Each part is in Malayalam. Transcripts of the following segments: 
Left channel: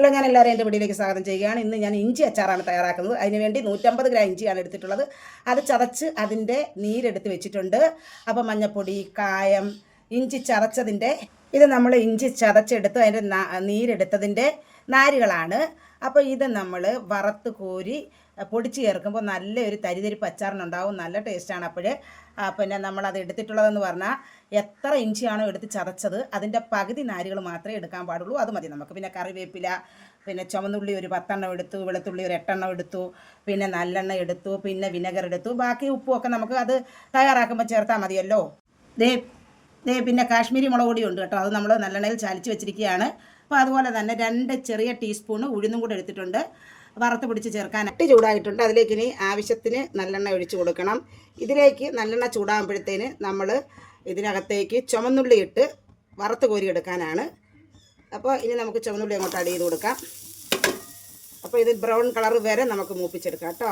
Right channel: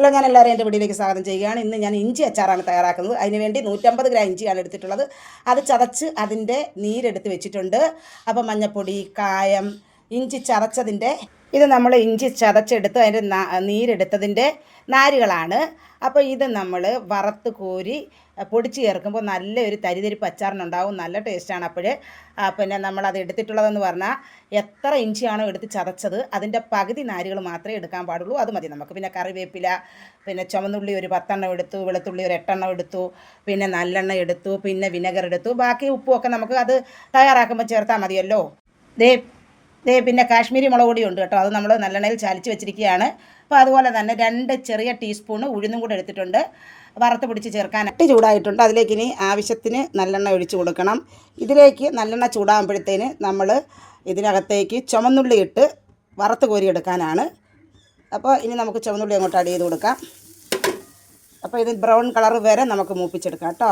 ഹലോ, ഞാൻ എല്ലാവരെയും എൻ്റെ വീഡിയോയിലേക്ക് സ്വാഗതം ചെയ്യുകയാണ്. ഇന്ന് ഞാൻ ഇഞ്ചി അച്ചാറാണ് തയ്യാറാക്കുന്നത്. അതിനുവേണ്ടി 150 ഗ്രാം ഇഞ്ചിയാണ് എടുത്തിട്ടുള്ളത്. അത് ചതച്ച് അതിൻ്റെ നീരെടുത്ത് വെച്ചിട്ടുണ്ട്. അപ്പോൾ മഞ്ഞൾപ്പൊടി, കായം, ഇഞ്ചി ചതച്ചതിൻ്റെ ഇത് നമ്മൾ ഇഞ്ചി ചതച്ചെടുത്ത് അതിൻ്റെ നീരെടുത്തതിൻ്റെ നാരുകളാണ്. അപ്പോൾ ഇത് നമ്മൾ വറുത്ത് കോരി പൊടിച്ച് ചേർക്കുമ്പോൾ നല്ലൊരു തരിതരിപ്പ് അച്ചാറിനുണ്ടാവും. നല്ല ടേസ്റ്റാണ്. പിന്നെ നമ്മളത് എടുത്തിട്ടുള്ളതെന്ന് പറഞ്ഞാൽ എത്ര ഇഞ്ചിയാണോ എടുത്ത് ചതച്ചത് അതിൻ്റെ പകുതി നാരുകൾ മാത്രമേ എടുക്കാൻ പാടുള്ളൂ. അത് മതി നമുക്ക്. പിന്നെ കറിവേപ്പില, പിന്നെ ചുവന്നുള്ളി ഒരു 10 എണ്ണം എടുത്തു, വെളുത്തുള്ളി ഒരു 8 എണ്ണം എടുത്തു, പിന്നെ നല്ലെണ്ണ എടുത്തു, പിന്നെ വിനെഗർ എടുത്തു. ബാക്കി ഉപ്പുമൊക്കെ നമുക്ക് അത് തയ്യാറാക്കുമ്പോൾ ചേർത്താൽ മതിയല്ലോ. പിന്നെ കാശ്മീരി മുളക് പൊടി ഉണ്ട് കേട്ടോ. അത് നമ്മൾ നല്ലെണ്ണയിൽ ചാലിച്ച് വെച്ചിരിക്കുകയാണ്. അപ്പോൾ അതുപോലെ തന്നെ 2 ചെറിയ ടീസ്പൂണ് ഉഴുന്നും കൂടെ എടുത്തിട്ടുണ്ട്. വറുത്ത് പിടിച്ച് ചേർക്കാൻ ചൂടായിട്ടുണ്ട്. അതിലേക്ക് ഇനി ആവശ്യത്തിന് നല്ലെണ്ണ ഒഴിച്ച് കൊടുക്കണം. ഇതിലേക്ക് നല്ലെണ്ണ ചൂടാകുമ്പോഴത്തേന് നമ്മൾ ഇതിനകത്തേക്ക് ചുവന്നുള്ളി ഇട്ട് വറുത്ത് കോരിയെടുക്കാനാണ്. അപ്പോൾ ഇനി നമുക്ക് ചുവന്നുള്ളി അങ്ങോട്ട് ആഡ് ചെയ്ത് കൊടുക്കാം. അപ്പോൾ ഇത് ബ്രൗൺ കളർ വരെ നമുക്ക് മൂപ്പിച്ചെടുക്കാം കേട്ടോ.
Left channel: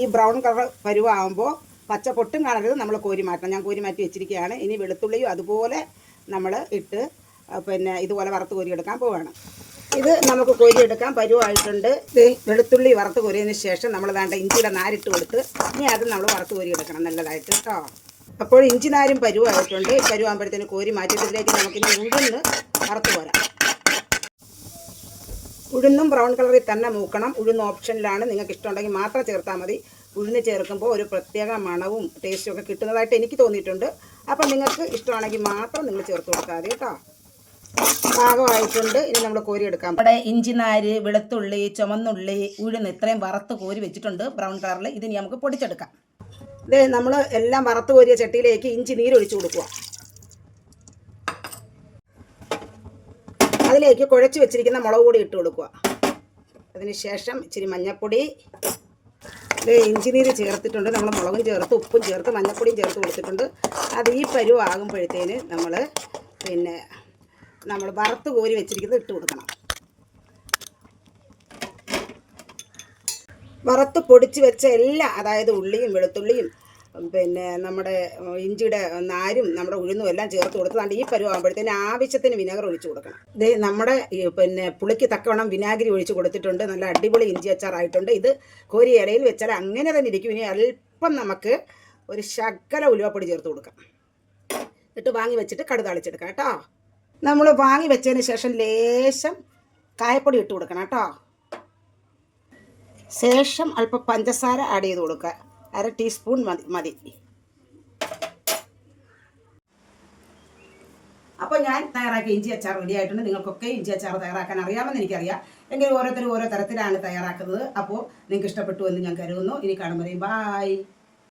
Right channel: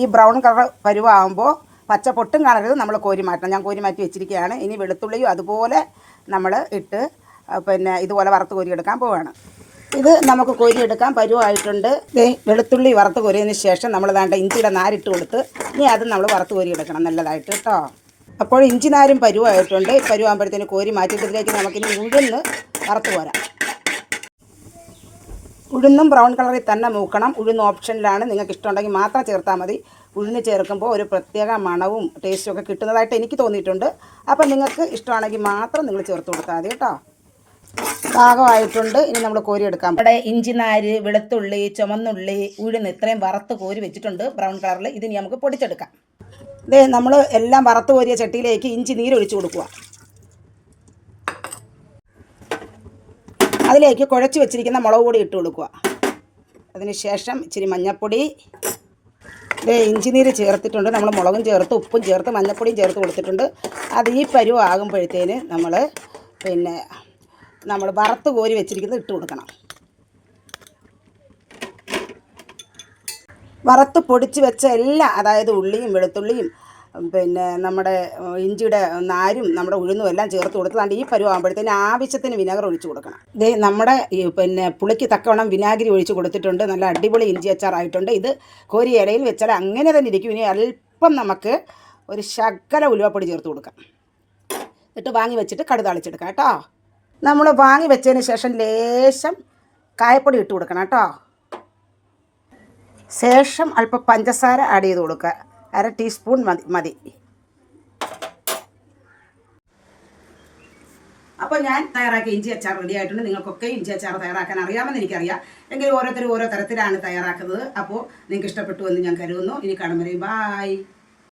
ഈ ബ്രൗൺ കളർ പരുവാകുമ്പോൾ പച്ച പൊട്ടും കാണരുത്, നമ്മൾ കോരി മാറ്റണം. ഞാൻ കോരി മാറ്റി വെച്ചിരിക്കുകയാണ്. ഇനി വെളുത്തുള്ളിയും അതുപോലെ നമ്മൾ ഇട്ട് പിന്നെ ഇതുപോലെ വറുത്ത് കോരിയെടുക്കാൻ പോവുകയാണ്. ഇത് നമുക്ക് കോരിയെടുക്കാൻ പരുവായിട്ടുണ്ട്. വെളുത്തുള്ളി വറുത്ത് കോരിയതിന് ശേഷം നമ്മൾ വേണ്ട ഇഞ്ചിയുടെ നാരിട്ട് കൊടുത്ത് ഇനി അത് നമ്മൾ വറുത്ത് കോരിയെടുക്കണം നല്ലതായിട്ട് കേട്ടോ. അപ്പോൾ ഇഞ്ചി നാരും പരുവായിട്ടുണ്ട്. പരുവാകുമ്പോഴത്തേന് കോരി മാറ്റിയതിലേക്ക് നമുക്കിനി ഉഴുന്ന് വറുത്ത് പോരാം. ഉഴുന്നും ബ്രൗൺ കളറിൽ തന്നെ മൂക്കണം. ഉഴുന്ന് ഓപ്ഷനിലാണ്, നിങ്ങൾക്ക് ഇഷ്ടമുണ്ടെങ്കിൽ മാത്രം ചേർത്താൽ മതി. ഉഴുന്ന് ചേർക്കുമ്പോൾ ഒരു പ്രത്യേക മണവും ടേസ്റ്റും ഒക്കെ കിട്ടുന്നതായിട്ട് എനിക്ക് തോന്നിയിട്ടുണ്ട്. അപ്പം നിങ്ങൾക്ക് ഇഷ്ടമാണെങ്കിൽ മാത്രം നിങ്ങൾ ചേർത്ത് കൊടുത്താൽ മതി കേട്ടോ. പാകമായിട്ടുണ്ട്. ഇനി നമ്മൾ കോരിയെടുക്കാം. ഇവിടെ ഇഞ്ചി നാര്, വെളുത്തുള്ളി, ചുമന്നുള്ളി, ഉഴുന്ന് ഇത്രയും വറുത്ത് കോരി വെച്ചിട്ടുണ്ട് ബ്രൗൺ കളറിൽ. ഇതിനി നമുക്ക് പൊടിച്ചെടുക്കാം. നമ്മൾ എല്ലാം വറുത്ത് കോരിയ ചട്ടിയിലേക്ക് ഇഞ്ചി നീരൊഴിച്ച് കൊടുക്കുക. അതിലേക്ക് കുഴച്ച് വെച്ചിരിക്കുന്ന മുളക് പൊടി ഇട്ട് കൊടുക്കുക. അതിനുശേഷം ഇച്ചിരി മഞ്ഞൾപ്പൊടി, ഇഞ്ചി നീര് ചേർത്തിട്ടുണ്ട്. നമ്മൾ മുളകും ചേർത്ത് ഉപ്പും ചേർത്ത് മഞ്ഞൾപ്പൊടിയും ചേർത്ത് കൊടുത്തിട്ടുണ്ട്. അത് ഈ പരുവാകുമ്പോഴത്തേന് നമ്മൾ വറുത്ത് കോരി വെച്ചിരിക്കുന്നത് ഇട്ട് കൊടുക്കണം. വറുത്ത് പൊടിച്ച് വെച്ച എല്ലാം, അതായത് ഉള്ളിയും വെളുത്തുള്ളിയും പിന്നെ നമ്മുടെ ഇഞ്ചിയുടെ നാരും നമ്മുടെ ഉഴുന്നും എല്ലാം ചേർത്ത് കൊടുത്തതാണ്ട് ഈ പരുവാകുമ്പോഴത്തേന് ആവശ്യത്തിന് വിനെഗർ ഒഴിച്ച് കൊടുക്കണം. നമ്മുടെ പുളിക്ക് തക്കവണ്ണം വിനാഗിരി ഒഴിച്ച് കൊടുത്തിട്ടുണ്ട്. നല്ല അടിപൊളി ഇഞ്ചി അച്ചാറായിട്ടുണ്ട്. ഇത് കോരി ഇലയിൽ വെച്ചാൽ അങ്ങനെ തന്നെ ഇരിക്കും. ഇനി അല്പം നമുക്ക് ഒരു ശകല ഉലുവപ്പൊടി ചേർത്ത് കൊടുക്കാം. എന്നിട്ട് വാങ്ങി വെച്ചിട്ട് കടുക് താളിച്ചെടുക്കാം കേട്ടോ. നമ്മൾ വാങ്ങി വെച്ചതിന് ശേഷം ലേശം കായപ്പൊടി ഇട്ട് കൊടുക്കണം കേട്ടോ. ശേഷം അല്പം പഞ്ചസാര ആഡ് ചെയ്ത് കൊടുക്കുക. 1/2 ടീസ്പൂൺ മതി. അപ്പോൾ ഞാൻ തയ്യാറാക്കിയ ഇഞ്ചി അച്ചാർ റെഡി ആയിട്ടുണ്ട്. നിങ്ങൾക്കൊക്കെ ഇഞ്ചി അച്ചാർ തയ്യാറാക്കാൻ അറിയാമെന്ന് എനിക്കറിയാം. എങ്കിലും ഓരോരുത്തരും ഓരോ തരത്തിലാണ് തയ്യാറാക്കുന്നത്. അപ്പോൾ നിങ്ങൾക്ക് ഇഷ്ടപ്പെട്ടു എന്ന് ഞാൻ കരുതുന്നു. ഇനി കാണും വരെ ബായ്.